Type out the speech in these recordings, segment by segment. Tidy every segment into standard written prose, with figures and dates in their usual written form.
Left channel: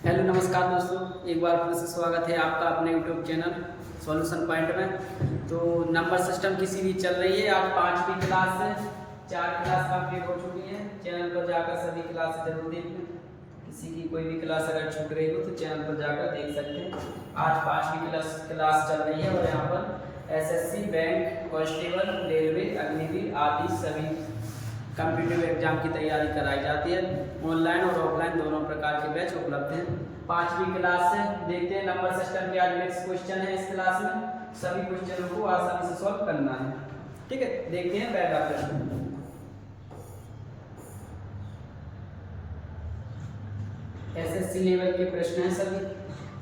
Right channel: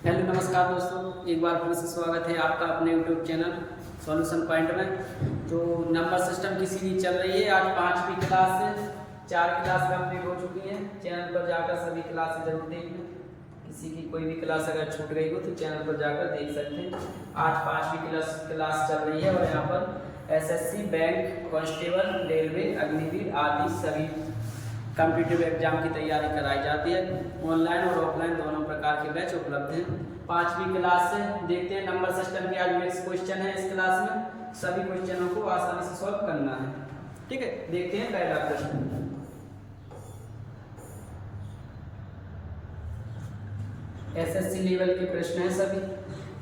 Hello नमस्कार दोस्तों, एक बार फिर से स्वागत है आपका अपने यूट्यूब चैनल सॉल्यूशन पॉइंट में। तो नंबर सिस्टम की सीरीज चल रही है। आज 5वीं क्लास से 4 क्लास कंप्लीट हो चुकी है। चैनल पर जाकर सभी क्लास जरूर देख लें। किसी की कोई भी क्लास अगर छूट गई हो तो चैनल पर जाकर देख सकते हैं। आज 5वीं क्लास चल रही है और यहाँ पर SSC, bank, constable, railway, Agniveer आदि सभी कॉम्पिटिटिव एग्जाम की तैयारी कराई जाती है। ऑनलाइन और ऑफलाइन दोनों प्रकार के बैच उपलब्ध हैं। 5वीं क्लास से देखते हैं नंबर सिस्टम की आज नेक्स्ट क्वेश्चन है। इस क्लास में सभी क्वेश्चनों को आसानी से सॉल्व करना है। ठीक है, देखते हैं पहला प्रश्न। एसएससी लेवल के प्रश्न हैं सभी।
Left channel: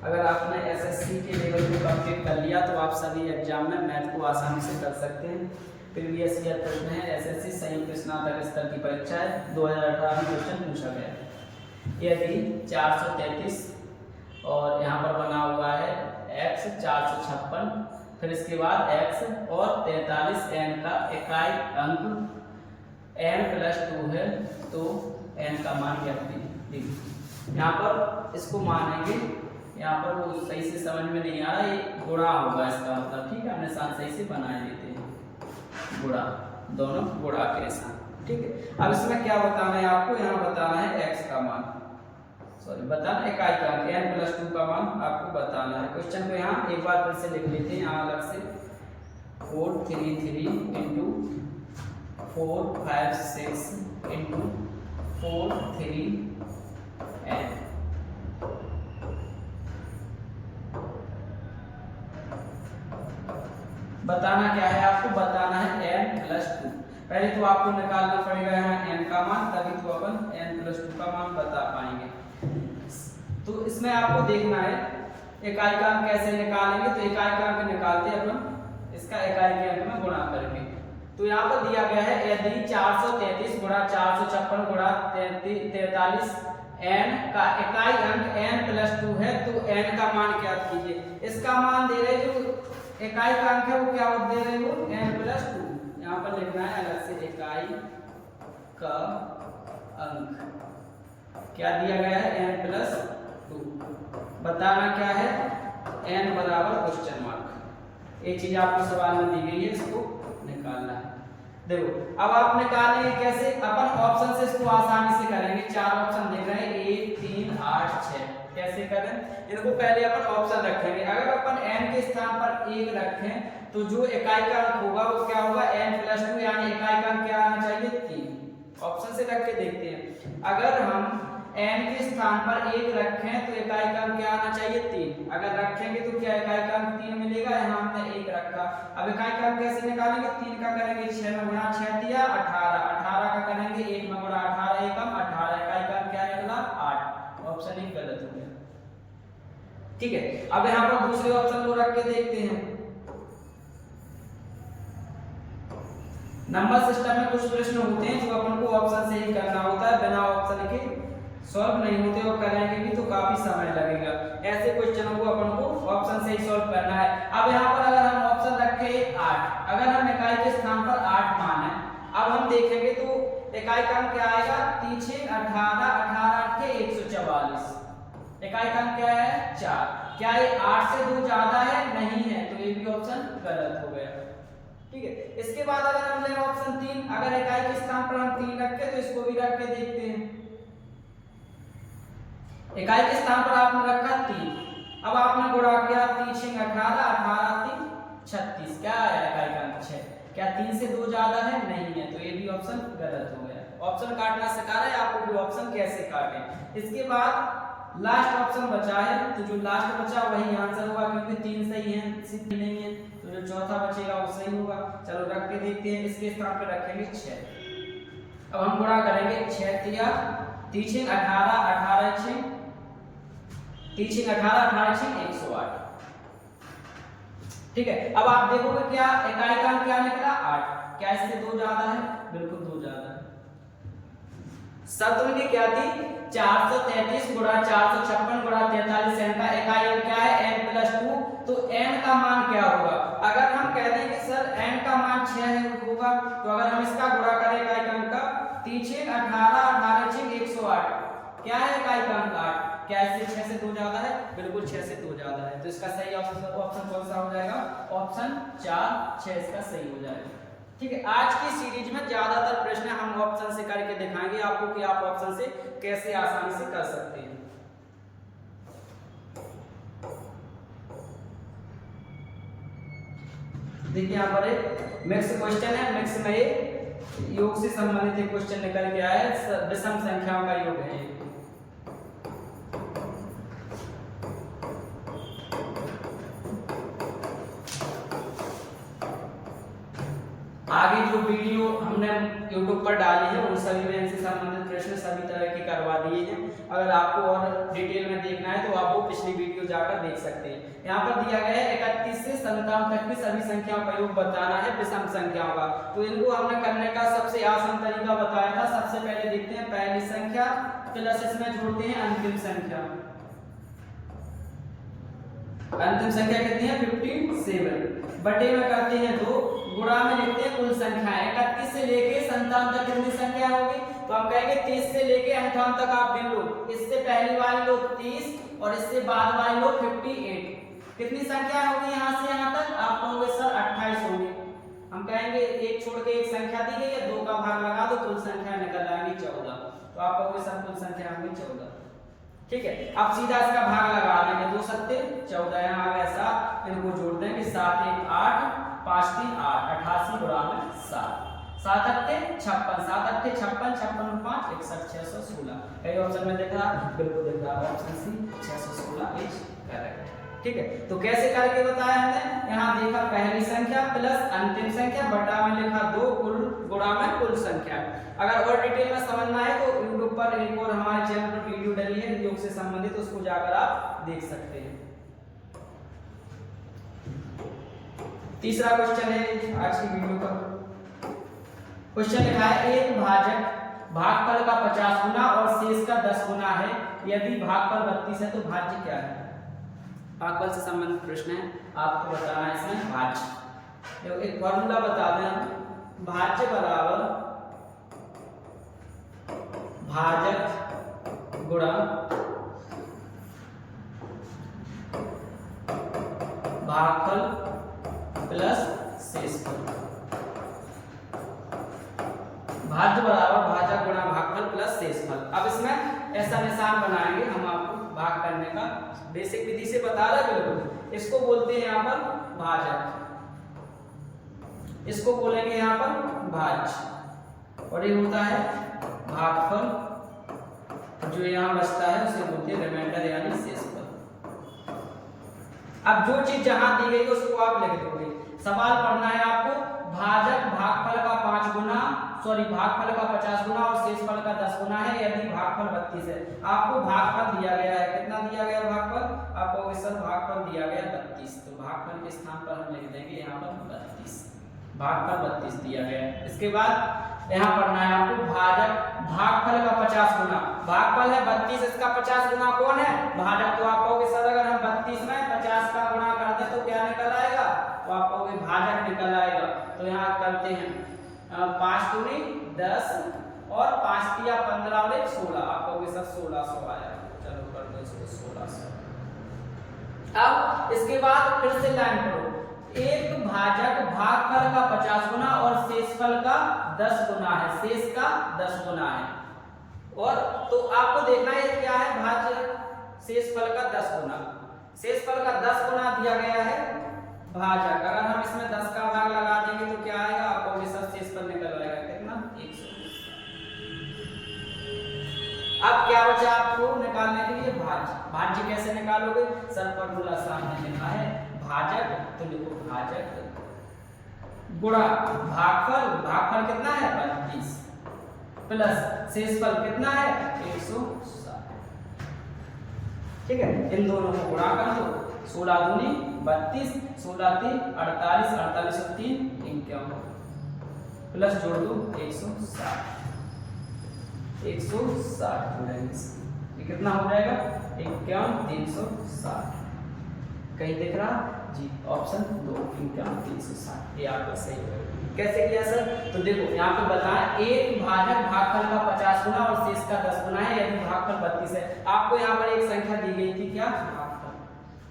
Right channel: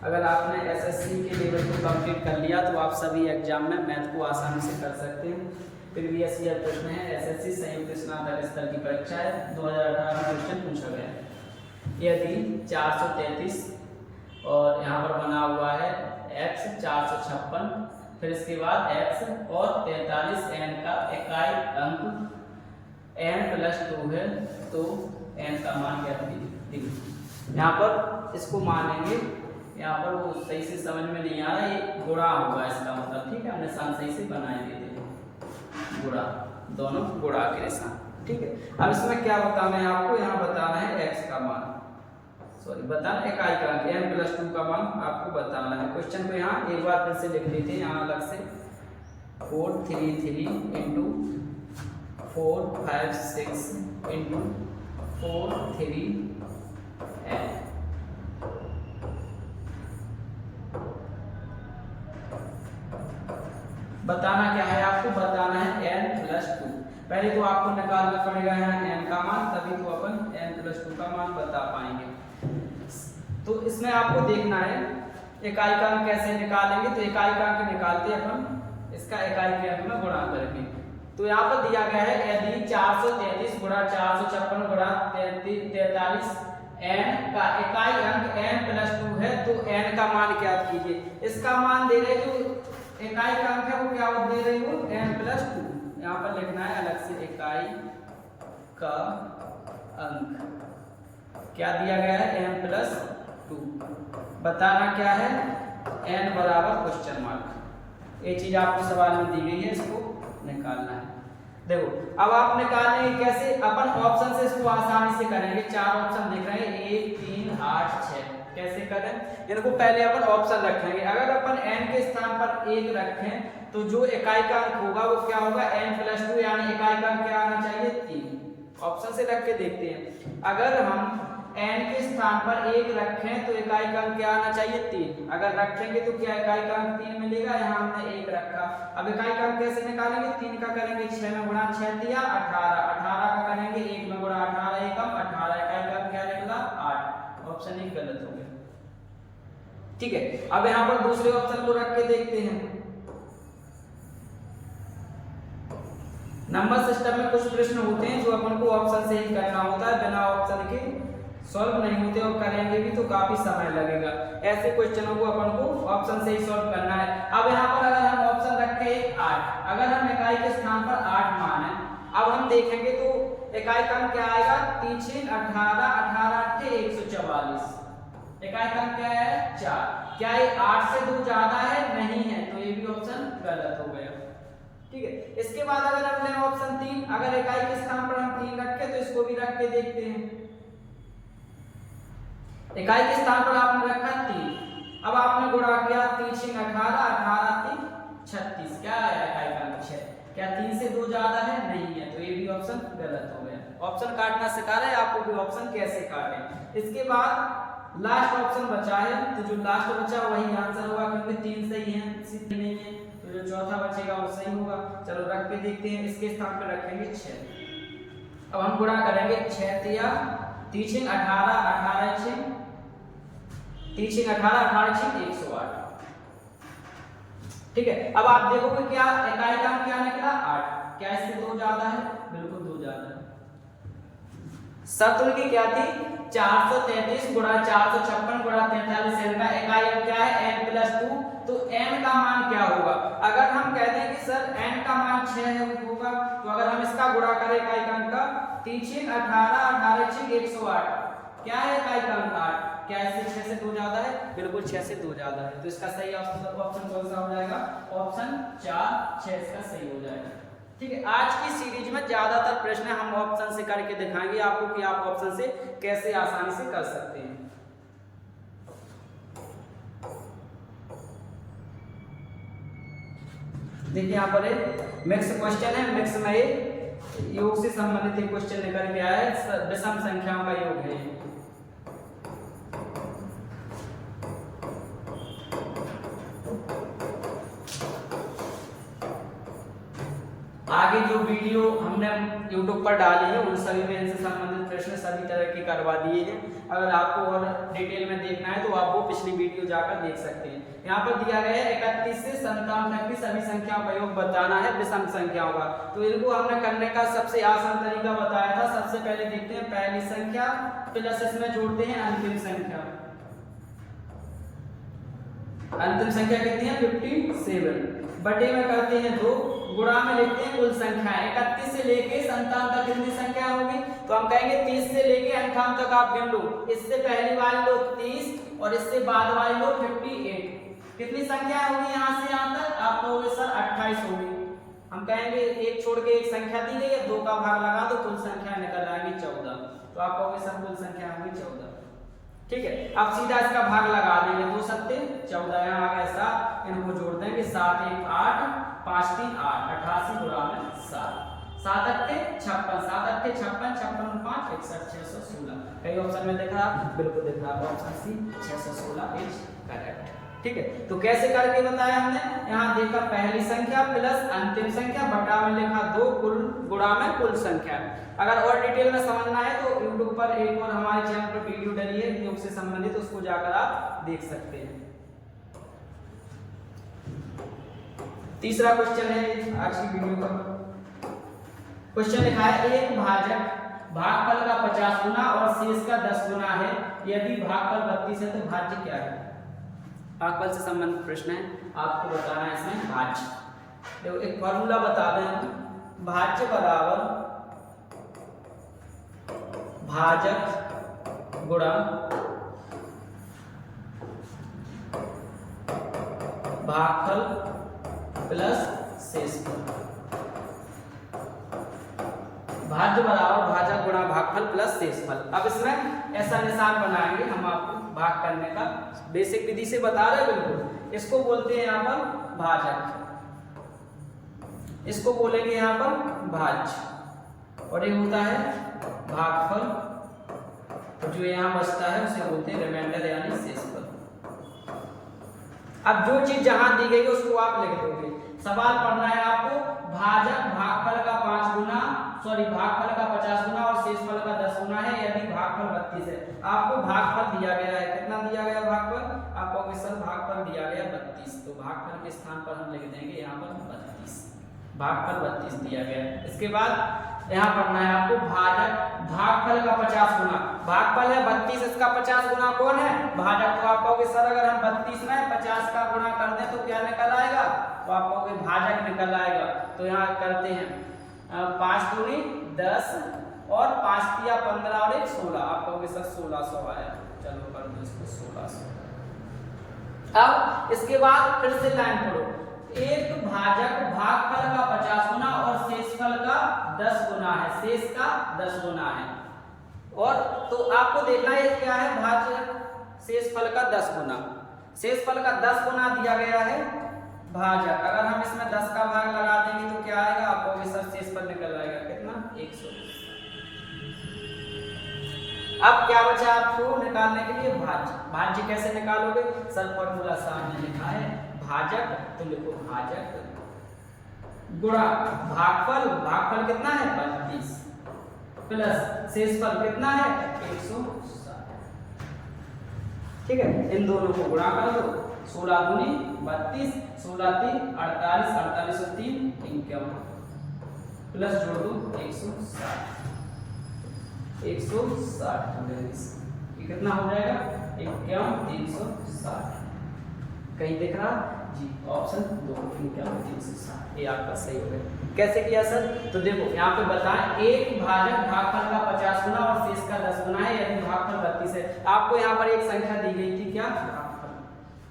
अगर आपने एसएससी के लेवल को कंप्लीट कर लिया तो आप सभी एग्जाम में मैथ को आसानी से कर सकते हैं। प्रीवियस ईयर प्रश्न है। एसएससी संयुक्त स्नातक स्तर की परीक्षा है, 2018 में क्वेश्चन पूछा गया। यदि 433 और यहाँ पर बना हुआ है x 456, फिर इसके बाद x और 43 n का इकाई अंक n+2 है तो n का मान क्या दीजिए। यहाँ पर इसको मानेंगे, यहाँ पर वो सही से समझ में नहीं आ रहा, ये गुणा होगा इसका मतलब। ठीक है, हमने निशान सही से बनाए देते हैं, गुणा, दोनों गुणा के निशान। ठीक है, अब इसमें क्या बताना है आपको, यहाँ बताना है x का मान, सॉरी बताना इकाई का अंक n+2 का मान आपको बताना है। क्वेश्चन को यहाँ एक बार फिर से लिख लेते हैं, यहाँ अलग से 433 इंटू 456 इंटू 43n। बताना क्या है आपको, बताना है n+2। पहले तो आपको निकालना पड़ेगा यहाँ n का मान, तभी तो अपन n+2 का मान बता पाएंगे। तो इसमें आपको देखना है इकाई का अंक कैसे निकालेंगे। तो इकाई का अंक निकालते अपन इसका इकाई के अंक में गुणा करेंगे। तो यहाँ पर दिया गया है यदि 433 गुणा 456 गुणा 43 n का इकाई अंक n+2 है तो n का मान ज्ञात कीजिए। इसका मान दे रहे जो इकाई का अंक है वो क्या दे रहे हो, n+2। यहाँ पर लिखना है अलग से इकाई का अंक क्या दिया गया है, n+2। बताना क्या है, n बराबर क्वेश्चन मार्क। ये चीज आपको सवाल में दी गई है, इसको निकालना है। देखो अब आप निकालेंगे कैसे, अपन ऑप्शन से इसको आसानी से करेंगे। 4 ऑप्शन दिख रहे हैं, 1 3 8 6। कैसे करें, इनको पहले अपन ऑप्शन रखेंगे। अगर अपन n के स्थान पर 1 रखें तो जो इकाई का अंक होगा वो क्या होगा, n+2, यानी इकाई का अंक क्या आना चाहिए, 3। ऑप्शन से रख के देखते हैं। अगर हम n के स्थान पर 1 रखें तो इकाई का अंक क्या आना चाहिए, 3। अगर रखेंगे तो क्या इकाई का अंक 3 मिलेगा, यहाँ हमने 1 रखा। अब इकाई का अंक कैसे निकालेंगे, 3 का करेंगे 6 में गुणा 6 दिया 18, 18 का करेंगे 1 में गुणा 18 एकम 18, इकाई का अंक क्या निकला 8। ऑप्शन 1 गलत हो गया। ठीक है, अब यहाँ पर दूसरे ऑप्शन को रख के देखते हैं। नंबर सिस्टम में कुछ प्रश्न होते हैं जो अपन को ऑप्शन से ही करना होता है, बिना ऑप्शन के सॉल्व नहीं होते, और करेंगे भी तो काफी समय लगेगा। ऐसे क्वेश्चनों को अपन को ऑप्शन से ही सॉल्व करना है। अब यहाँ पर अगर हम ऑप्शन रखे 8, अगर हम इकाई के स्थान पर 8 माने, अब हम देखेंगे तो इकाई का अंक क्या आएगा, पीछे 18, 18 के 144, इकाई का अंक क्या है 4। क्या ये 8 से 2 ज्यादा है, नहीं है, तो ये भी ऑप्शन गलत हो गया। ठीक है, इसके बाद अगर हम लें ऑप्शन 3, अगर इकाई के स्थान पर हम 3 रखे तो इसको भी रख के देखते हैं। इकाई के स्थान पर आपने रखा 3, अब आपने गुणा किया 3 18, 18 3 36, क्या आया इकाई का अंक 6। क्या 3 से 2 ज्यादा है, नहीं है, तो ये भी ऑप्शन गलत हो गया। ऑप्शन काटना सिखा रहा है आपको भी ऑप्शन कैसे काटें। इसके बाद लास्ट ऑप्शन बचा है, तो जो लास्ट बचा वही आंसर होगा, क्योंकि 3 सही है, सिर्फ नहीं है, तो जो चौथा बचेगा वो सही होगा। चलो रख के देखते हैं, इसके स्थान पर रखेंगे 6। अब हम गुणा करेंगे 6 3 18, 18 6 18, 18 108। ठीक है, अब आप देखोगे क्या इकाई का अंक क्या निकला 8। क्या इससे 2 ज्यादा है, बिल्कुल 2 ज्यादा है। शर्त उनकी क्या थी, 433 गुणा 456 गुणा 43 n का इकाई अंक क्या है, n+2। तो n का मान क्या होगा, अगर हम कह दें कि सर n का मान 6 होगा, तो अगर हम इसका गुणा करें इकाई का अंक का 3 18, 18 108, क्या है इकाई का अंक 8। क्या इससे 6 से 2 ज्यादा है? बिल्कुल 6 से 2 ज्यादा है। तो इसका सही ऑप्शन कौन सा हो जाएगा? ऑप्शन 4, 6 इसका सही हो जाएगा। ठीक है, आज की सीरीज में ज्यादातर प्रश्न हम ऑप्शन से करके दिखाएंगे आपको कि आप ऑप्शन से कैसे आसानी से कर सकते हैं। देखिए यहाँ पर एक मिक्स क्वेश्चन है, मिक्स में एक योग से संबंधित एक क्वेश्चन निकल के आया है, विषम संख्याओं का योग है। आगे जो वीडियो हमने YouTube पर डाली है उन सभी में इनसे संबंधित प्रश्न सभी तरह के करवा दिए हैं। अगर आपको और डिटेल में देखना है तो आप वो पिछली वीडियो जाकर देख सकते हैं। यहाँ पर दिया गया है 31 से 57 तक की सभी संख्याओं का योग बताना है विषम संख्याओं का। तो इनको हमने करने का सबसे आसान तरीका बताया था। सबसे पहले देखते हैं पहली संख्या प्लस इसमें जोड़ते हैं अंतिम संख्या। अंतिम संख्या कितनी है? 57। बटे में करते हैं 2, गुणा में लिखते हैं कुल संख्या। 31 से लेके 57 तक कितनी संख्या होगी? तो हम कहेंगे 30 से लेके 58 तक आप गिन लो। इससे पहली वाली लो 30 और इससे बाद वाली लो 58। कितनी संख्या होगी यहाँ से यहाँ तक? आप कहोगे सर 28 होगी। हम कहेंगे एक छोड़ के एक संख्या दी गई है, 2 का भाग लगा दो, कुल संख्या निकल आएंगी 14। तो आप कहोगे सर कुल संख्या होगी 14। ठीक है, अब सीधा इसका भाग लगा देंगे। 2 सत्ते 14, यहाँ आ गया 7, इनको जोड़ देंगे 7 1 8 5 3 8, 88 गुणा में 7, 7 8 56, 7 8 56, 56 5 61, 616। कई ऑप्शन में देखा? बिल्कुल दिख रहा, ऑप्शन सी 616 इज करेक्ट। ठीक है, तो कैसे करके बताया हमने? यहाँ देखा पहली संख्या प्लस अंतिम संख्या, बटा में लिखा 2, कुल गुणा में कुल संख्या। अगर और डिटेल में समझना है तो YouTube पर एक और हमारे चैनल पर वीडियो डली है योग से संबंधित, उसको जाकर आप देख सकते हैं। तीसरा क्वेश्चन है आज की वीडियो का। क्वेश्चन लिखा है एक भाजक भागफल का 50 गुना और शेष का 10 गुना है। यदि भागफल 32 है तो भाज्य क्या है? भागफल से संबंधित प्रश्न है, आपको बताना है इसमें भाज्य। देखो एक फॉर्मूला बता दें, भाज्य बराबर भाजक गुणा भागफल प्लस शेषफल। भाज्य बराबर भाजक गुणा भागफल प्लस शेषफल। अब इसमें ऐसा निशान बनाएंगे हम आपको भाग करने का, बेसिक विधि से बता रहे हैं बिल्कुल। इसको बोलते हैं यहाँ पर भाजक, इसको बोलेंगे यहाँ पर भाज्य, और ये होता है भागफल, और जो यहाँ बचता है उसे बोलते हैं रिमाइंडर यानी शेषफल। अब जो चीज जहां दी गई है उसको आप लिख दोगे। सवाल पढ़ना है आपको भाजक भागफल का 5 गुना, भागफल का 50 गुना और शेषफल का 10 गुना है यदि भागफल 32 है। आपको भागफल दिया गया है, कितना दिया गया भागफल? आप कहोगे सर भागफल दिया गया 32, तो भागफल के स्थान पर हम लिख देंगे यहाँ पर 32, भागफल 32 दिया गया है। इसके बाद यहाँ पढ़ना है आपको भाजक भागफल का 50 गुना, भागफल है 32, इसका 50 गुना कौन है? भाजक। तो आप कहोगे सर अगर हम 32 में 50 का गुना कर दें तो क्या निकल आएगा? तो आप कहोगे भाजक निकल आएगा। तो यहाँ करते हैं 5 दूनी 10 और 5 तिया 15 और 1 16। आप कहोगे सर 1600 आया। चलो कर दो इसको 1600। अब इसके बाद फिर से लाइन पढ़ो, एक भाजक भागफल का 50 गुना और शेषफल का 10 गुना है, शेष का 10 गुना है। और तो आपको देखना है क्या है? भाजक शेषफल का 10 गुना, शेषफल का 10 गुना दिया गया है भाजक। अगर हम इसमें 10 का भाग लगा देंगे तो क्या आएगा? आपको सर शेषफल निकल आएगा कितना? 100। अब क्या बचा आपको निकालने के लिए? भाज्य। भाज्य कैसे निकालोगे? सर फॉर्मूला सामने लिखा है, भाजक तो लिखो भाजक गुणा भागफल, भागफल कितना है? 32 प्लस शेषफल कितना है? 160। ठीक है, इन दोनों को गुणा कर दो, 16 दूनी 32, 16 3 48, 48 और 3 51, प्लस जोड़ दो 160, 160 जोड़ेंगे, ये कितना हो जाएगा? 51 360। कहीं दिख रहा? जी ऑप्शन 2 360 ये आपका सही होगा। कैसे किया सर? तो देखो यहाँ पे बताएं एक भाजक भागफल का 50 गुना और शेष का 10 गुना है यदि भागफल 32 है। आपको यहाँ पर एक संख्या दी गई थी क्या? भागफल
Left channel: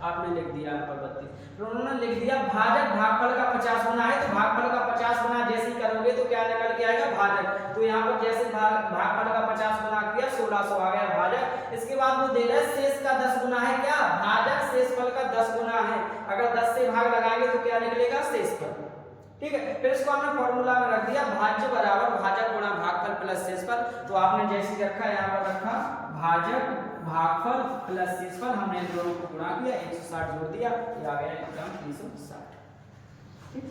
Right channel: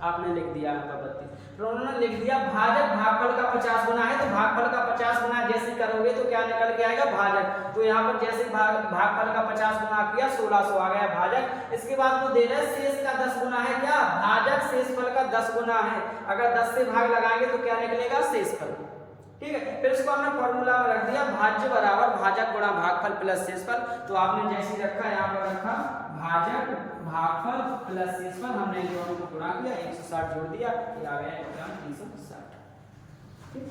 आपने लिख दिया यहाँ पर 32, तो उन्होंने लिख दिया भाजक भागफल का 50 गुना है, तो भागफल का 50 गुना जैसे ही करोगे तो क्या निकल के आएगा? भाजक। तो यहाँ पर जैसे भागफल का 50 गुना किया 1600 आ गया भाजक। इसके बाद वो दे रहा है शेष का 10 गुना है क्या? भाजक शेषफल का 10 गुना है। अगर 10 से भाग लगाएंगे तो क्या निकलेगा? शेषफल। ठीक है, फिर इसको हमने फॉर्मूला में रख दिया भाज्य बराबर भाजक गुणा भागफल प्लस शेषफल। तो आपने जैसे रखा यहाँ पर रखा भाजक भागफल प्लस शेषफल, हमने इन दोनों को गुणा किया 160 जोड़ दिया, ये आ गया 360। ठीक,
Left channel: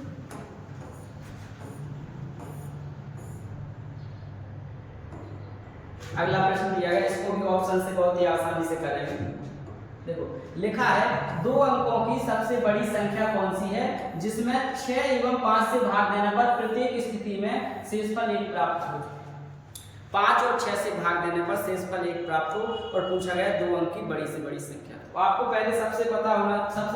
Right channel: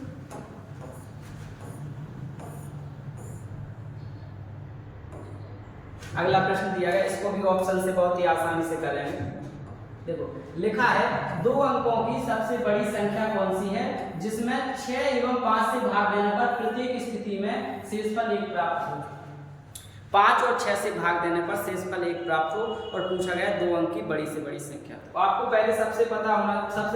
अगला प्रश्न दिया गया, इसको भी ऑप्शन से बहुत ही आसानी से करेंगे। देखो लिखा है 2 अंकों की सबसे बड़ी संख्या कौन सी है जिसमें 6 एवं 5 से भाग देने पर प्रत्येक स्थिति में शेषफल 1 प्राप्त हो। 5 और 6 से भाग देने पर शेषफल 1 प्राप्त हो और पूछा गया 2 अंक की बड़ी से बड़ी संख्या। तो आपको सबसे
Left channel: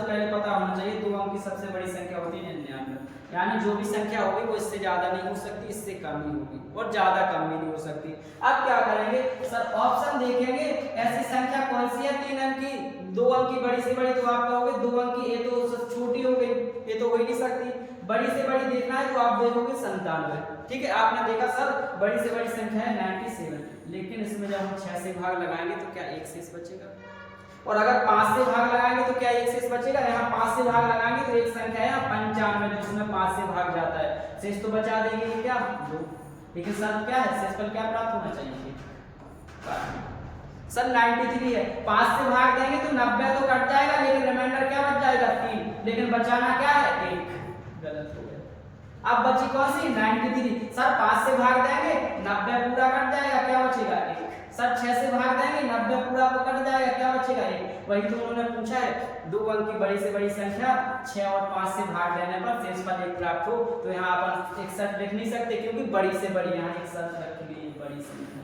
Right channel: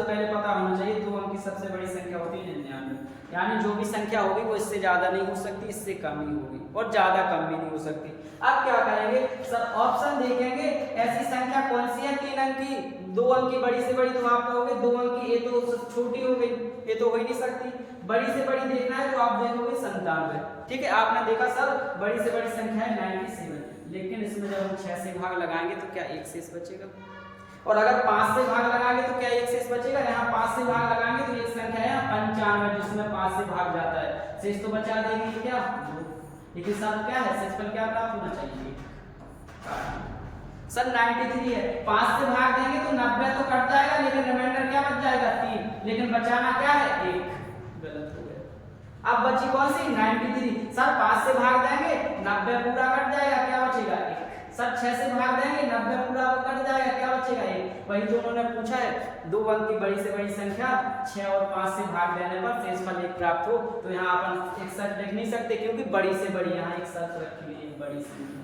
पहले पता होना चाहिए 2 अंक की सबसे बड़ी संख्या होती है 99, यानी जो भी संख्या होगी वो इससे ज्यादा नहीं हो सकती, इससे कम ही होगी और ज्यादा कम भी नहीं हो सकती। अब क्या करेंगे सर? ऑप्शन देखेंगे ऐसी संख्या कौन सी है 3 अंक की 2 अंक की बड़ी से बड़ी, तो आप कहोगे 2 अंक की, ये तो छोटी हो गई, ये तो हो ही नहीं सकती। बड़ी से बड़ी देखना है तो आप देखोगे 97। ठीक है, आपने देखा सर बड़ी से बड़ी संख्या है 97, लेकिन इसमें जब हम 6 से भाग लगाएंगे तो क्या 1 शेष बचेगा? और अगर 5 से भाग लगाएंगे तो क्या 1 शेष बचेगा? यहाँ 5 से भाग लगाएंगे तो एक संख्या है 95 जिसमें 5 से भाग जाता है, शेष तो बचा देंगे क्या? 2। लेकिन सर क्या है? शेषफल क्या प्राप्त होना चाहिए? सर 93 है, 5 से भाग देंगे तो 90 तो कट जाएगा, लेकिन रिमाइंडर क्या बच जाएगा? 3, लेकिन बचाना क्या है? 1। गलत हो गया। अब बची कौन सी? 93। सर 5 से भाग देंगे 90 पूरा कट जाएगा, क्या बचेगा? 1। सर 6 से भाग देंगे 90 पूरा को कट जाएगा, क्या बचेगा? 1। वही तो उन्होंने पूछा है 2 अंक की बड़ी से बड़ी संख्या 6 और 5 से भाग देने पर शेषफल 1 प्राप्त हो। तो यहाँ अपन 61 लिख नहीं सकते क्योंकि बड़ी से बड़ी यहाँ एक शर्त रखी गई है, बड़ी संख्या।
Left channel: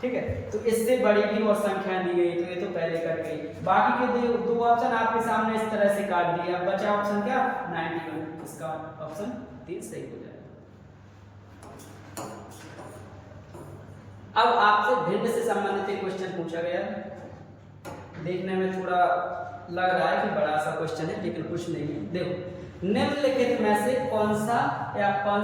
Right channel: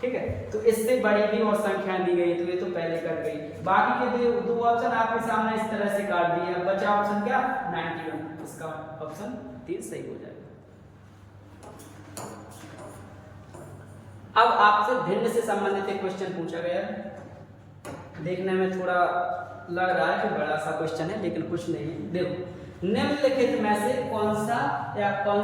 ठीक है, तो इससे बड़ी भी और संख्याएं दी गई, तो ये तो पहले कट गई। बाकी के दो ऑप्शन आपके सामने इस तरह से काट दिए। अब बचा ऑप्शन क्या? 91, इसका ऑप्शन 3 सही हो जाएगा। अब आपसे भिन्न से संबंधित एक क्वेश्चन पूछा गया है। देखने में थोड़ा लग रहा है कि बड़ा सा क्वेश्चन है, लेकिन कुछ नहीं है। देखो निम्नलिखित में से कौन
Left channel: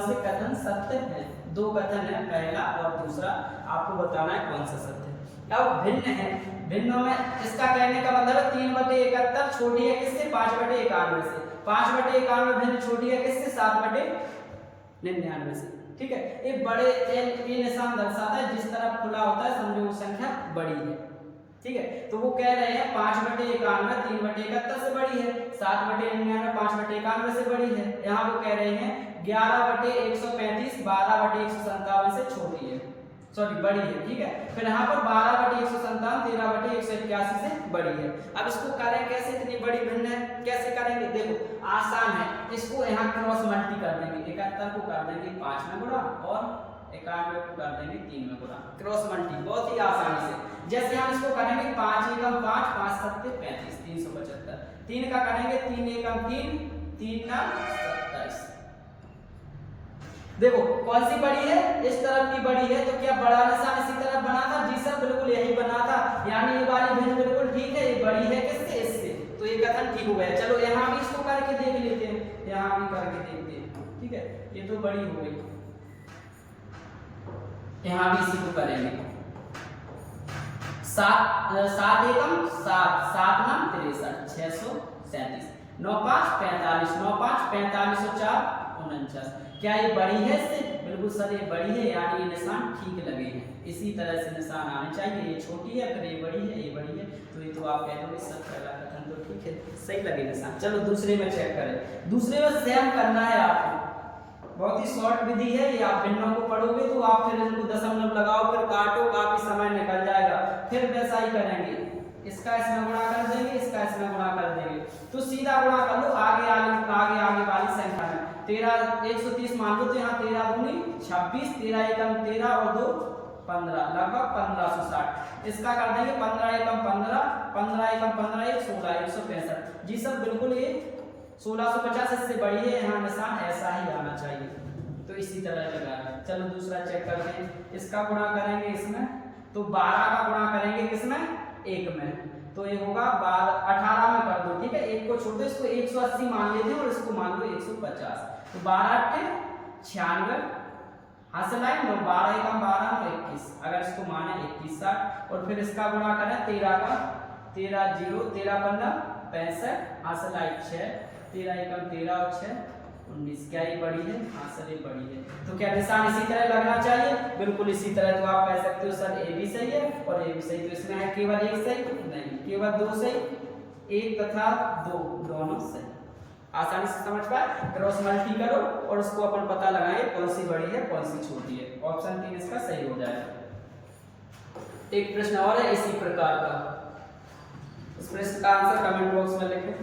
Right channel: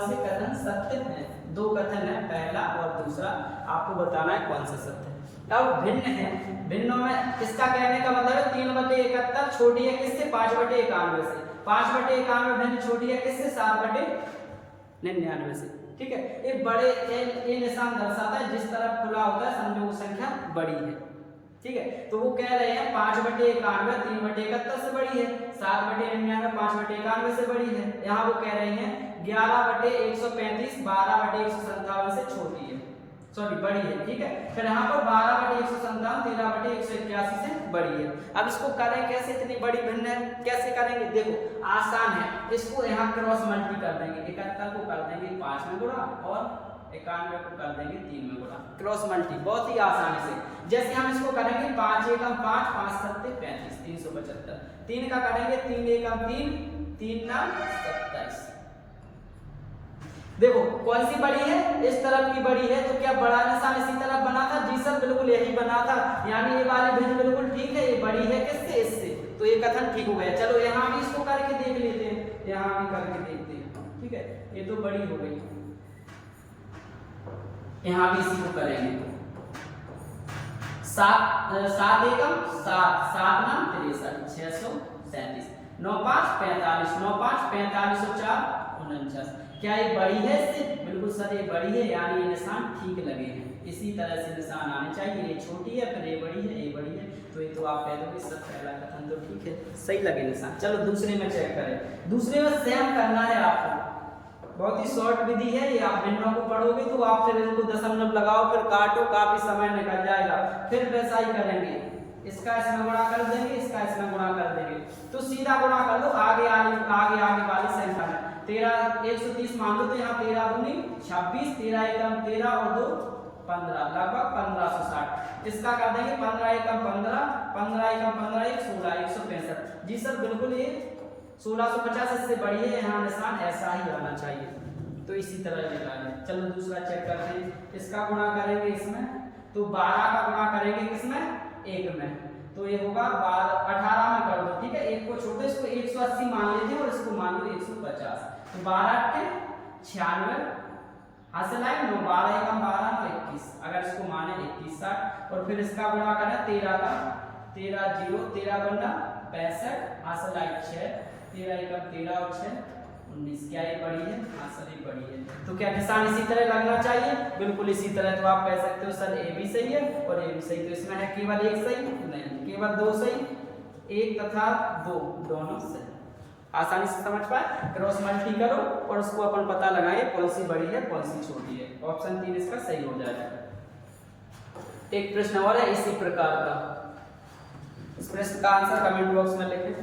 से कथन सत्य है? 2 कथन है, पहला और दूसरा, आपको बताना है कौन सा सत्य है। अब भिन्न है, भिन्नों में इसका कहने का मतलब है 3/71 छोटी है किससे? 5/91 से। 5/91 भिन्न छोटी है किससे? 7/99 से। ठीक है, एक बड़े ये निशान दर्शाता है जिस तरफ खुला होता है समझो वो संख्या बड़ी है। ठीक है, तो वो कह रहे हैं 5/91 3/71 से बड़ी है, 7/99 5/91 से बड़ी है। यहाँ वो कह रहे हैं 11/135 12/157 से छोटी है, सॉरी बड़ी है। ठीक है, फिर यहाँ पर 12/157 13/181 से बड़ी है। अब इसको करें कैसे? इतनी बड़ी भिन्न है, कैसे करेंगे? देखो आसान है, इसको यहाँ क्रॉस मल्टी कर देंगे। 71 को कर देंगे 5 में गुणा और 91 को कर देंगे 3 में गुणा, क्रॉस मल्टी बहुत ही आसानी से। जैसे हम इसको करेंगे 5 एकम 5 5 सत्ते 35 375, 3 का करेंगे 3 एकम 3 3 9 27। देखो कौन सी बड़ी है? इस तरफ की बड़ी है, तो क्या बड़ा निशान इसी तरफ बना था? जी सर बिल्कुल यही बना था, यानी ये वाली भिन्न बिल्कुल ठीक है, ये बड़ी है किससे? इससे, तो ये कथन ठीक हो गया। चलो यहाँ भी इसको करके देख लेते हैं, यहाँ भी करके देखते हैं। ठीक है, ये तो बड़ी हो गई, यहाँ भी इसी को करेंगे। 7 एकम 7 7 नाम 63 637 9 5 45 9 5 45 और 4 49। क्या ये बड़ी है इससे? बिल्कुल सर ये बड़ी है, यानी ये निशान ठीक लगे हैं। इसी तरह से निशान आने चाहिए, ये छोटी है फिर ये बड़ी है, ये बड़ी है, तो ये तो आप कह दोगे सर पहला कथन तो ठीक है, सही लगे निशान। चलो दूसरे में चेक करें। दूसरे में सेम करना है आपको, बहुत ही शॉर्ट विधि है ये। आप भिन्नों को पढ़ोगे तो आप फिर इनको दशमलव लगाओ, फिर काटो, काफी समय निकल जाएगा। फिर वैसा ही करेंगे, इसका इसमें गुणा कर देंगे, इसका इसमें गुणा कर देंगे, तो सीधा गुणा कर लो आगे वाली संख्या में। 130 मान लो, तो यहाँ 13 दूनी 26 13 एकम 13 और 2 15, लगभग 1560। इसका कर देंगे 15 एकम 15 15 एकम 15 1 16 165। जी सर बिल्कुल ये 1650 इससे बड़ी है, यहाँ निशान ऐसा ही आना चाहिए, तो इसी तरह लगाएंगे। चलो दूसरा चेक करते हैं। इसका गुणा करेंगे इसमें, तो 12 का गुणा करेंगे किसमें, 1 में, तो ये होगा 18 में कर दो, ठीक है। 1 को छोड़ दो, इसको 180 मान लेते हैं और इसको मान लो 150, तो 12 के 96 हासिल आए, 12 एकम 12 9 21, अगर इसको माने 21 60, और फिर इसका गुणा करें 13 का, 13 0 13 पन्ना 65 हासिल आए 6, 13 एकम 13 और 6 19, क्या ये बड़ी है, हासिल ये बड़ी है। तो क्या निशान इसी तरह लगना चाहिए, बिल्कुल इसी तरह। तो आप कह सकते हो सर ए भी सही है और ए भी सही, तो इसमें है केवल एक सही नहीं, केवल 2 सही, 1 तथा 2 दोनों सही। आसानी से समझ पाए, क्रॉस मल्टी करो और उसको अपन पता लगाए कौन सी बड़ी है कौन सी छोटी है। ऑप्शन 3 इसका सही हो जाएगा। एक प्रश्न और है इसी प्रकार का, इस प्रश्न का आंसर कमेंट बॉक्स में लिखें।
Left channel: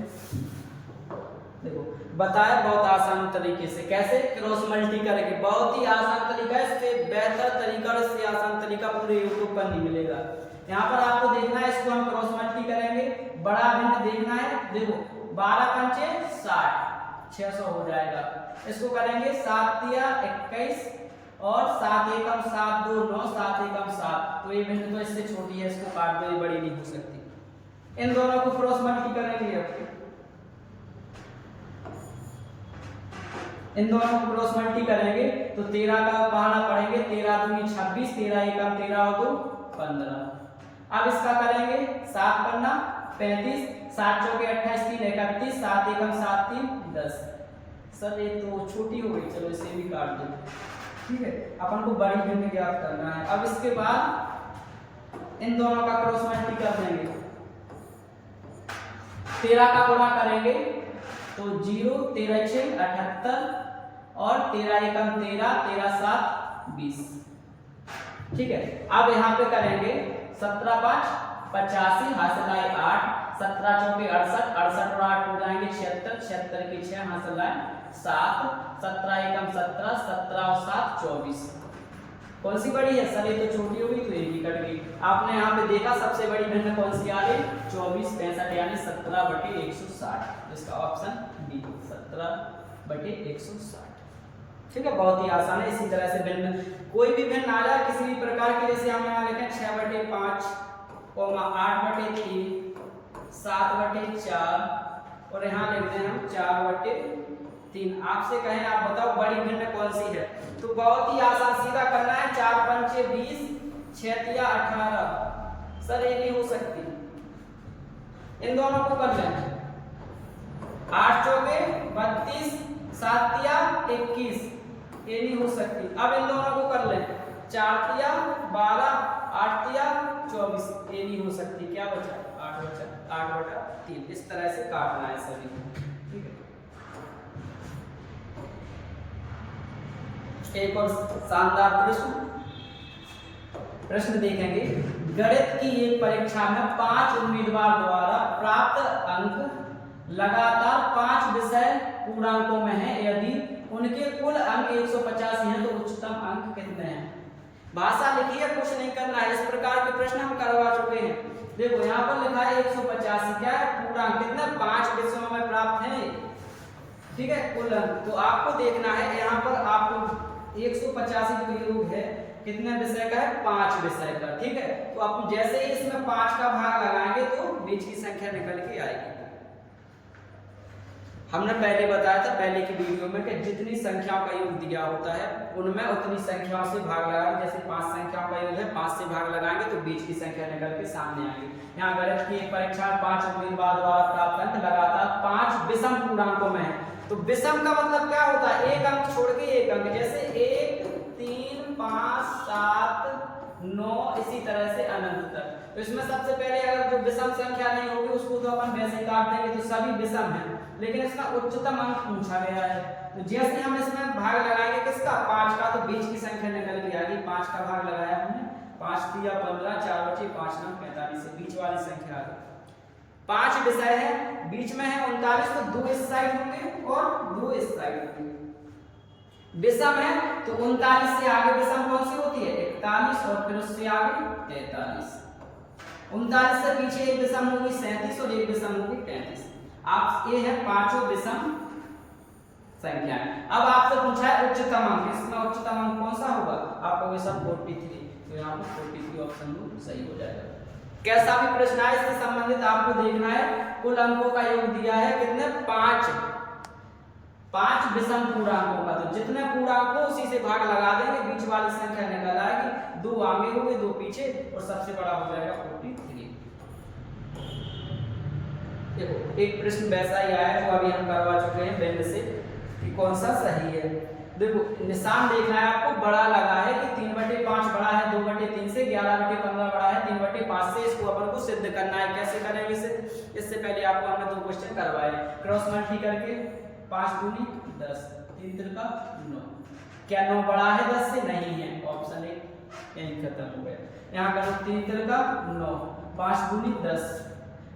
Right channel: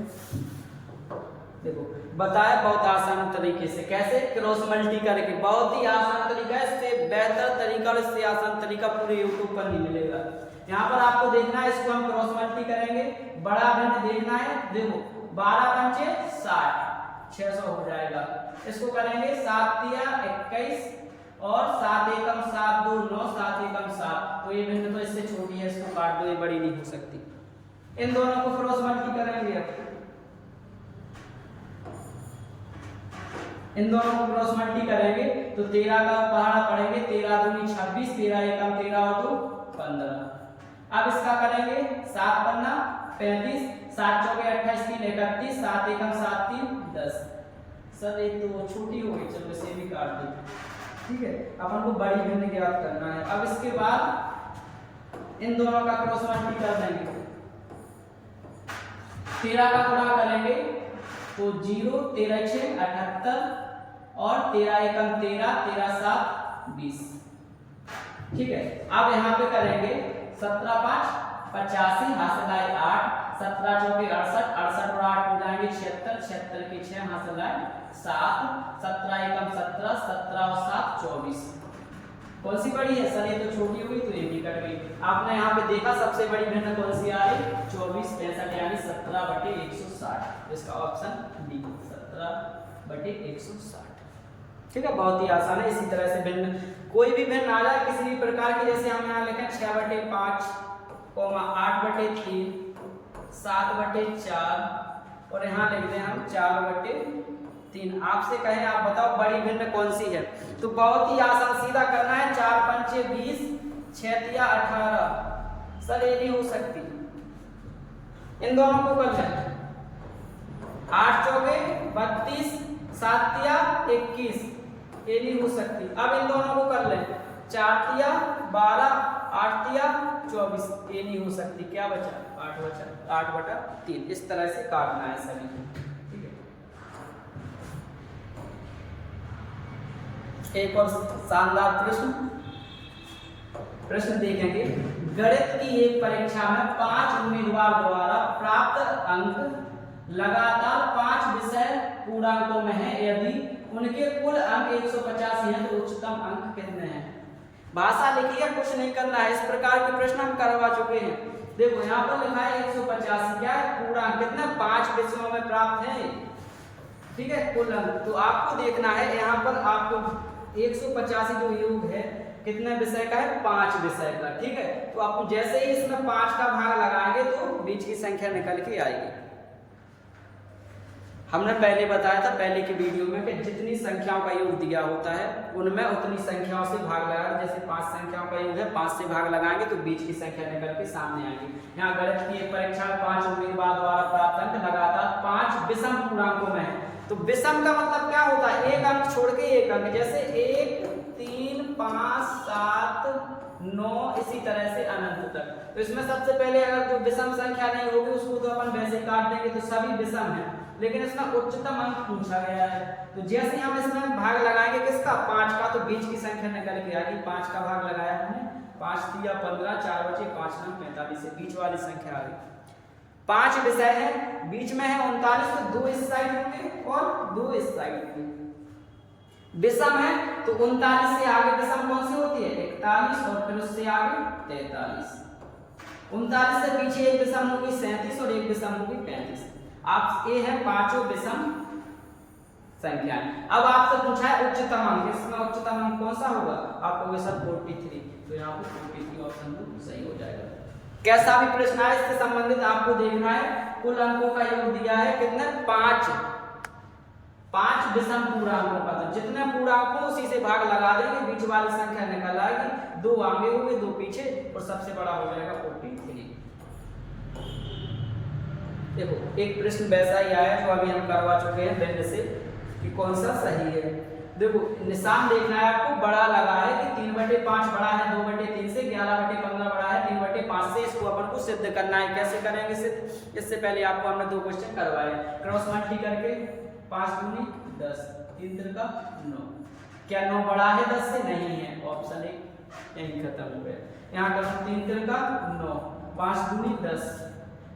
देखो बताया बहुत आसान तरीके से, कैसे क्रॉस मल्टी करके, बहुत ही आसान तरीका है, इससे बेहतर तरीका और इससे आसान तरीका पूरे यूट्यूब पर नहीं मिलेगा। यहाँ पर आपको देखना है, इसको हम क्रॉस मल्टी करेंगे, बड़ा भिन्न देखना है। देखो 12 पंचे 60, 600 हो जाएगा। इसको करेंगे 7 तिया 21 और 7 एकम 7 2 9 7 एकम 7, तो ये भिन्न तो इससे छोटी है, इसको काट दो, ये बड़ी नहीं हो सकती। इन दोनों को क्रॉस मल्टी करेंगे, इन दोनों को क्रॉस मल्टी करेंगे तो 13 का पहाड़ा पड़ेंगे, 13 दूनी 26, 13 एकम 13 और 2 15। अब इसका करेंगे 7 पन्ना 35, 7 चौके 28 3 31, 7 एकम 7 3 10। सर ये तो छोटी हो गई, चलो इसे भी काट दो, ठीक है। अपन को बड़ी भिन्न ज्ञात करना है। अब इसके बाद इन दोनों का क्रॉस मल्टी कर देंगे, 13 का गुणा करेंगे तो 0 13 6 78 और 13 एकम 13 13 7 20, ठीक है। अब यहाँ पे करेंगे 17 5 85 हासिल आए 8, 17 चौके 68, 68 और 8 हो जाएंगे 76, 76 की 6 हासिल आए 7, 17 एकम 17, 17 और 7 24। कौन सी बड़ी है सर, ये तो छोटी हो गई, तो ये भी कट गई। आपने यहाँ पे देखा सबसे बड़ी भिन्न कौन सी आ रही, 24 65 यानी 17/160, इसका ऑप्शन डी 17/160, ठीक है। बहुत ही आसान है। इसी तरह से भिन्न कोई भी भिन्न आ जाए किसी भी प्रकार की, जैसे हम यहाँ लिखें 6/5 8/3 7/4 और यहाँ लिखते हैं हम 4/3। आपसे कहें आप बताओ बड़ी भिन्न कौन सी है, तो बहुत ही आसान, सीधा करना है। 4 पंचे 20, 6 तिया 18, सर ये नहीं हो सकती, इन दोनों को कर लें। 8 चौके 32, 7 तिया 21, ये नहीं हो सकती। अब इन दोनों को कर लें, 4 तिया 12, 8 तिया 24, ये नहीं हो सकती। क्या बचा, 8/3। इस तरह से काटना है सभी, ठीक है। एक और शानदार प्रश्न देखेंगे। गणित की एक परीक्षा में 5 उम्मीदवार द्वारा प्राप्त अंक लगातार 5 विषय पूर्णांकों में है, यदि उनके कुल अंक 185 हैं तो उच्चतम अंक कितने हैं। भाषा लिखी है, कुछ नहीं करना है। इस प्रकार के प्रश्न हम करवा चुके हैं। देखो यहाँ पर लिखा है 185, क्या है पूर्णांक, कितने 5 विषयों में प्राप्त है, ठीक है, कुल अंक। तो आपको देखना है यहाँ पर, आपको 185 जो योग है कितने विषय का है, 5 विषय का, ठीक है। तो आप जैसे ही इसमें 5 का भाग लगाएंगे तो बीच की संख्या निकल के आएगी। हमने पहले बताया था पहले की वीडियो में कि जितनी संख्याओं का योग दिया होता है उनमें उतनी संख्याओं से भाग लगा दें। जैसे 5 संख्याओं का योग है, 5 से भाग लगाएंगे तो बीच की संख्या निकल के सामने आएगी। यहाँ गणित की एक परीक्षा में 5 उम्मीदवार द्वारा प्राप्त अंक लगातार 5 विषम पूर्णांकों में है। तो विषम का मतलब क्या होता है, एक अंक छोड़ के एक अंक, जैसे 1 3 5 7 9 इसी तरह से अनंत तक। तो इसमें सबसे पहले अगर जो विषम संख्या नहीं होगी उसको तो अपन वैसे काट देंगे, तो सभी विषम है, लेकिन इसमें उच्चतम अंक पूछा गया है। तो जैसे हम इसमें भाग लगाएंगे किसका, 5 का, तो बीच की संख्या निकल के आएगी। 5 का भाग लगाया हमने, 5 तिया 15, 4 बचे 5 9 45 से बीच वाली संख्या आ गई। 5 विषय है, बीच में है 39, तो 2 इस साइड होंगे और 2 इस साइड होंगे। विषम है तो 39 से आगे विषम कौन सी होती है, 41, और फिर उससे आगे 43। 39 से पीछे एक विषम होगी 37 और एक विषम होगी 35। आप ए है पांचों विषम संख्या। अब आपसे पूछा है उच्चतम अंक, इसमें उच्चतम अंक कौन सा होगा? आप कहोगे सर 43, तो यहाँ पर 43 ऑप्शन सही हो जाएगा। कैसा भी प्रश्न है इससे संबंधित आपको देखना है। कुल अंकों का योग दिया है कितने? 5 विषम पूर्णांकों का, तो जितने पूर्णांक हो उसी से भाग लगा देंगे, बीच वाली संख्या निकल आएगी, 2 आगे हो गए 2 पीछे और सबसे बड़ा हो जाएगा 43। देखो एक प्रश्न वैसा ही आया है जो अभी हम करवा चुके हैं बेंड से कि कौन सा सही है। देखो निशान देखना है आपको, बड़ा लगा है कि 3/5 बड़ा है 2/3 से, 11/15 बड़ा है 3/5 से, इसको अपन को सिद्ध करना है। कैसे करेंगे सिद्ध? इससे पहले आपको हमने 2 क्वेश्चन करवाए, क्रॉस मल्टी करके 5 दूनी 10, 3 तिरका 9। क्या 9 बड़ा है 10 से? नहीं है, ऑप्शन 1 यही खत्म हो गया। यहाँ करो 3 तिरका 9, 5 दूनी 10।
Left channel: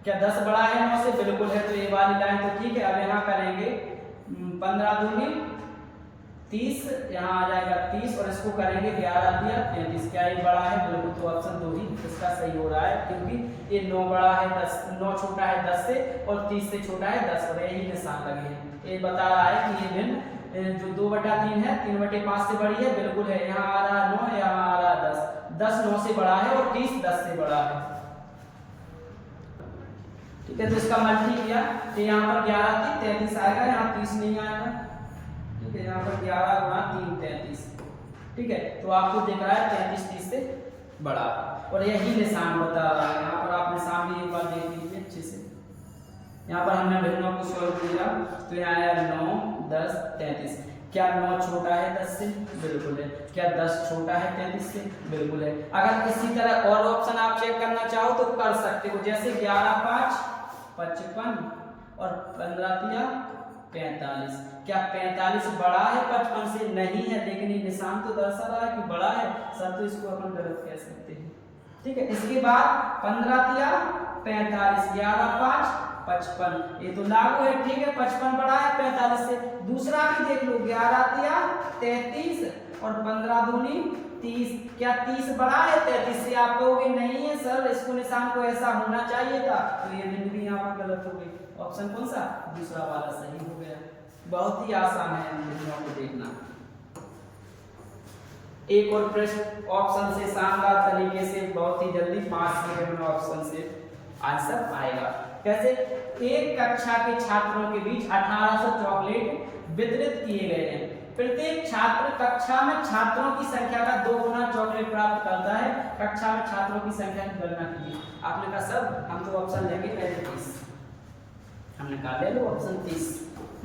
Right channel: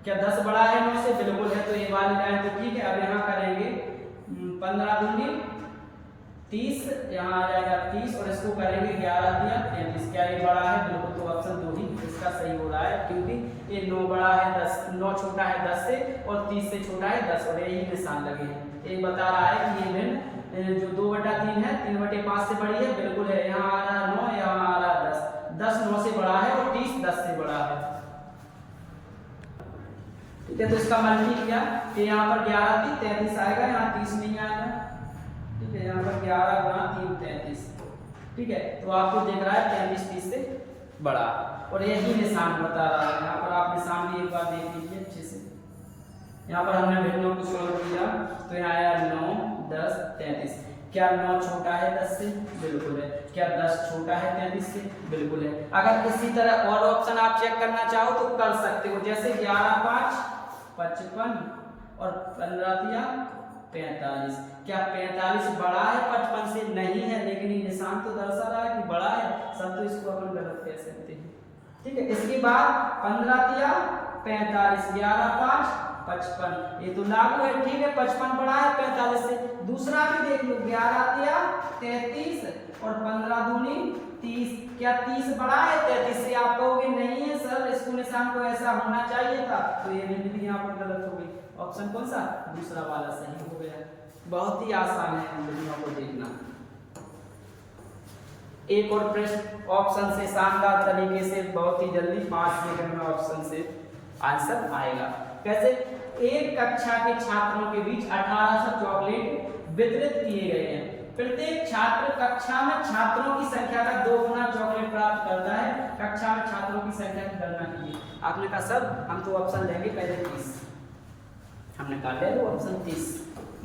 क्या 10 बड़ा है 9 से? बिल्कुल है, तो ये वाली लाइन तो ठीक है। अब यहाँ करेंगे 15 दूनी 30, यहाँ आ जाएगा 30 और इसको करेंगे 11 दिया 33। क्या ये बड़ा है? बिल्कुल, तो ऑप्शन 2 ही इसका सही हो रहा है, क्योंकि ये 9 बड़ा है 10, 9 छोटा है 10 से और 30 से छोटा है 10, और यही निशान लगे हैं। ये बता रहा है कि ये भिन्न जो 2/3 है 3/5 से बड़ी है, बिल्कुल है। यहाँ आ रहा है 9, यहाँ आ रहा है 10, 10 9 से बड़ा है और 30 10 से बड़ा है। ठीक है, तो इसका मल्टी किया तो यहाँ पर 11 3 33 आएगा, यहाँ 30 नहीं आएगा। ठीक है, यहाँ पर 11 गुणा 3 33। ठीक है, तो आपको दिख रहा है 33 30 से बड़ा, और यही निशान बता रहा है। यहाँ पर आप निशान भी एक बार देख लीजिए अच्छे से। यहाँ पर हमने भिन्नों को सोल्व किया तो यहाँ आया 9 10 33। क्या 9 छोटा है 10 से? बिल्कुल है। क्या 10 छोटा है 33 से? बिल्कुल है। अगर इसी तरह और ऑप्शन आप चेक करना चाहो तो कर सकते हो, जैसे 11 5 55 और 15 दिया 45। क्या 45 बड़ा है 55 से? नहीं है, लेकिन ये निशान तो दर्शा रहा है कि बड़ा है सर, तो इसको अपन गलत कह सकते हैं। ठीक है, इसके बाद 15 दिया 45, 11 5 55, ये तो लागू है। ठीक है, 55 बड़ा है 45 से। दूसरा भी देख लो, 11 दिया 33 और 15 दूनी 30। क्या 30 बड़ा है 33 से? आप कहोगे नहीं है सर, इसको निशान को ऐसा होना चाहिए था, तो ये भी यहाँ पर गलत हो गई। ऑप्शन कौन सा? दूसरा वाला सही हो गया। बहुत ही आसान है इन विधियों को देखना। एक और प्रश्न ऑप्शन से शानदार तरीके से बहुत ही जल्दी 5 सेकंड में ऑप्शन से आंसर आएगा। कैसे? एक कक्षा के छात्रों के बीच 1800 चॉकलेट वितरित किए गए हैं। प्रत्येक छात्र कक्षा में छात्रों की संख्या का 2 गुना चॉकलेट प्राप्त करता है। कक्षा में छात्रों की संख्या की गणना कीजिए। आपने कहा सर हम तो ऑप्शन लेंगे पहले 30, हमने कहा ले लो ऑप्शन 30।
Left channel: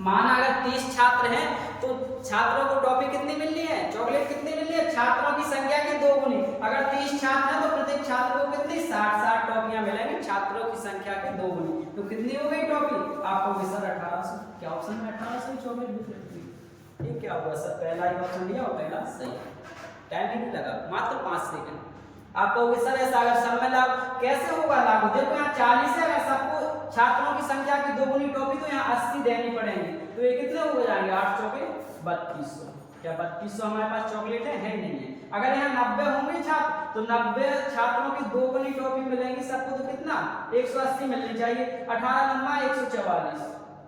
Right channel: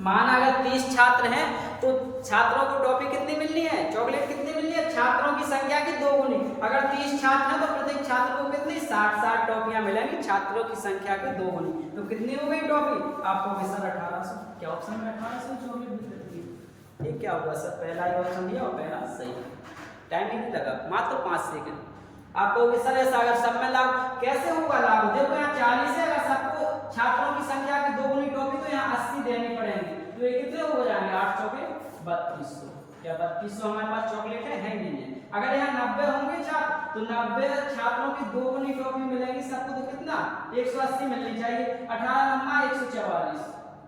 माना अगर 30 छात्र हैं तो छात्रों को टॉफी कितनी मिलनी है? चॉकलेट कितनी मिलनी है? छात्रों की संख्या की 2 गुनी। अगर 30 छात्र हैं तो प्रत्येक छात्र को कितनी 60 टॉफियां मिलेंगी, छात्रों की संख्या के 2 गुनी। तो कितनी हो गई टॉफी? आपको सर 1800। क्या ऑप्शन में 1800 चॉकलेट वितरित की? ये क्या हुआ सर? पहला ही ऑप्शन दिया और पहला सही। टाइम ही नहीं लगा, मात्र 5 सेकंड। आप कहोगे सर ऐसा अगर सब में लागू कैसे होगा लागू? देखो यहाँ 40 है, अगर सबको छात्रों की संख्या की 2 गुनी टॉफी तो यहाँ 80 देनी पड़ेगी, तो ये कितने हो जाएंगे? 8 चौके 3200। क्या 3200 हमारे पास चॉकलेट है? नहीं है। अगर यहाँ 90 होंगे छात्र तो 90 छात्रों की 2 गुनी टॉफी मिलेगी सबको, तो कितना 180 मिलनी चाहिए। 18 लम्बा 144,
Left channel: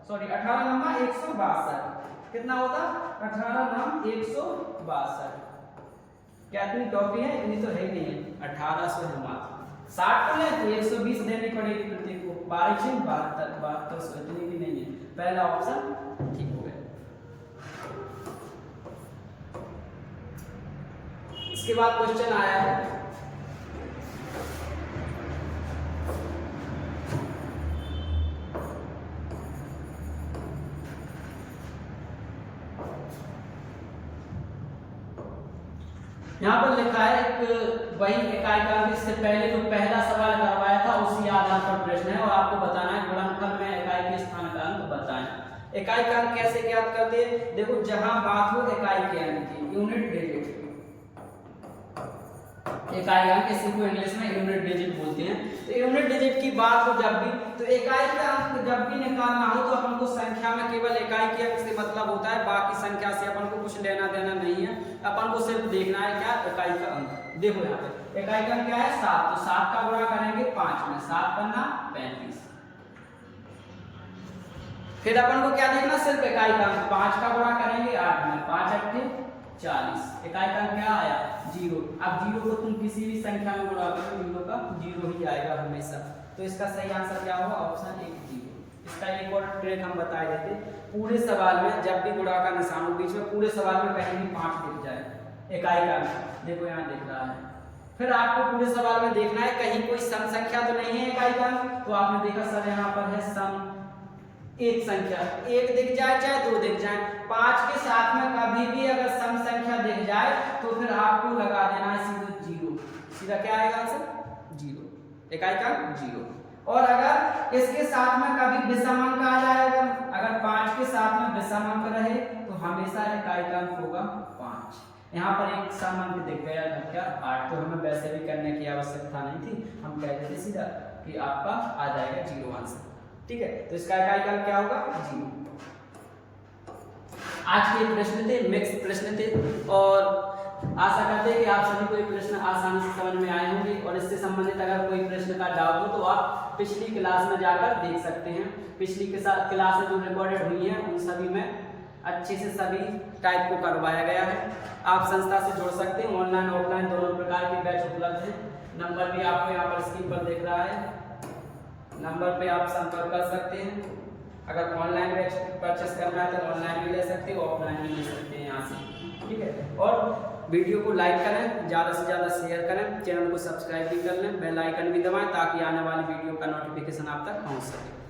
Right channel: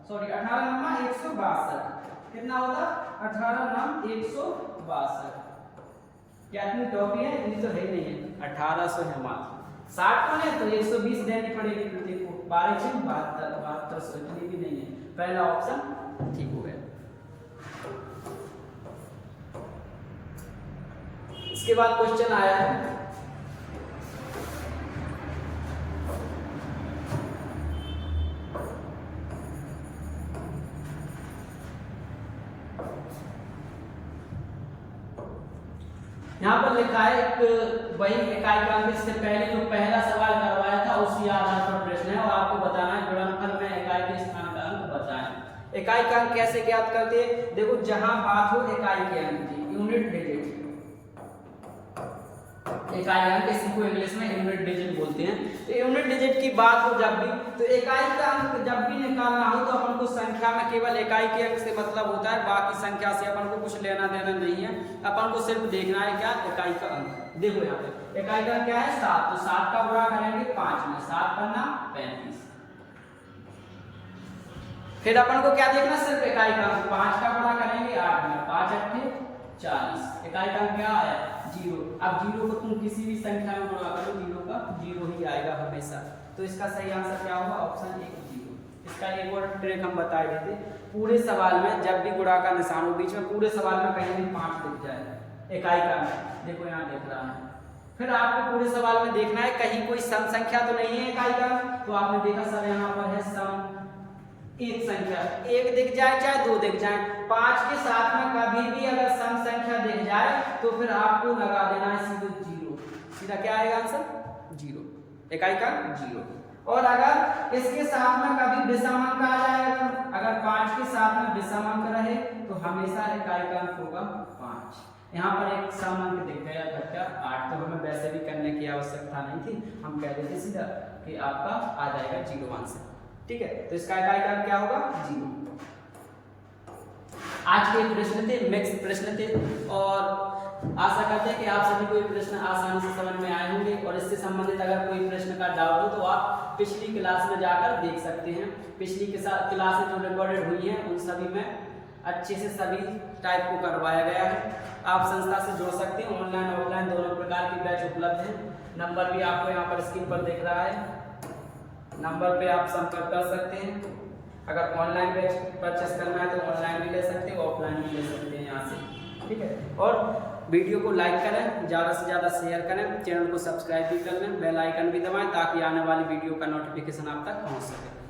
सॉरी 18 लम्बा 162। कितना होगा? 18 नाम 162। क्या इतनी टॉफी है? इतनी तो है नहीं है, 1800 है मात्र। 60 को ले तो 120 देनी पड़ेगी प्रत्येक को। 12 7200, इतनी भी नहीं है। पहला ऑप्शन ठीक हो गया। इसके बाद क्वेश्चन आया है यहाँ पर लिखा है एक वही इकाई का अंक, इससे पहले जो पहला सवाल करवाया था उसी आधार पर प्रश्न है, और आपको बताना है गुणनफल में इकाई के स्थान का अंक बताएं। इकाई का अंक कैसे ज्ञात करते हैं? देखो जहां बात हो इकाई के अंक की, यूनिट डिजिट, इकाई अंक इसी को इंग्लिश में यूनिट डिजिट बोलते हैं। तो यूनिट डिजिट की बात हो जब भी, तो इकाई का अंक जब भी निकालना हो तो अपन को संख्या में केवल इकाई के अंक से मतलब होता है, बाकी संख्या से अपन को कुछ लेना देना नहीं है। अपन को सिर्फ देखना है क्या? इकाई का अंक। देखो यहाँ पे इकाई का अंक क्या है? 7, तो 7 का गुणा करेंगे 5 में, 7 पन्ना 35। फिर अपन को क्या देखना, सिर्फ इकाई का अंक 5 का गुणा करेंगे 8 में, 5 अट्ठे 40, इकाई का अंक क्या आया 0। अब 0 को तुम किसी भी संख्या में गुणा करो 0 का 0 ही आएगा हमेशा। तो इसका सही आंसर क्या होगा, ऑप्शन 1 0। इसका एक और ट्रिक हम बताए गए थे, पूरे सवाल में जब भी गुणा का निशान हो बीच में, पूरे सवाल में कहीं भी 5 दिख जाए इकाई का अंक, देखो यहाँ दिख रहा है, फिर आपको पूरे सवाल में देखना है कहीं कोई सम संख्या तो नहीं है इकाई का अंक। तो आपने देखा सर यहाँ पर है सम एक संख्या, एक दिख जाए चाहे 2 दिख जाए, 5 के साथ में कभी भी अगर सम संख्या दिख जाए तो फिर आपको लगा देना है सीधे 0, सीधा क्या आएगा आंसर 0, इकाई का 0। और अगर इसके साथ में कभी विषम अंक आ जाए, अगर 5 के साथ में विषम अंक रहे तो हमेशा इकाई का अंक होगा 5। यहाँ पर एक सम अंक दिख गया था क्या 8, तो हमें वैसे भी करने की आवश्यकता नहीं थी, हम कह देते सीधा कि आपका आ जाएगा 0 आंसर, ठीक है। तो इसका इकाई का अंक क्या होगा 0। आज के प्रश्न थे, मिक्स प्रश्न थे, और आशा करते हैं कि आप सभी को ये प्रश्न आसानी से समझ में आए होंगे। और इससे संबंधित अगर कोई प्रश्न का डाउट हो तो आप पिछली क्लास में जाकर देख सकते हैं। पिछली क्लास में जो रिकॉर्डेड हुई है उन सभी में अच्छे से सभी टाइप को करवाया गया है। आप संस्था से जुड़ सकते हैं, ऑनलाइन ऑफलाइन दोनों प्रकार की बैच उपलब्ध है। नंबर भी आपको यहाँ पर स्क्रीन पर दिख रहा है, नंबर पे आप संपर्क कर सकते हैं। अगर ऑनलाइन बैच परचेस करना है तो ऑनलाइन भी ले सकते हैं, ऑफलाइन भी ले सकते हैं यहाँ से, ठीक है। और वीडियो को लाइक करें, ज़्यादा से ज़्यादा शेयर करें, चैनल को सब्सक्राइब भी कर लें, बेल आइकन भी दबाएं ताकि आने वाली वीडियो का नोटिफिकेशन आप तक पहुँच सके।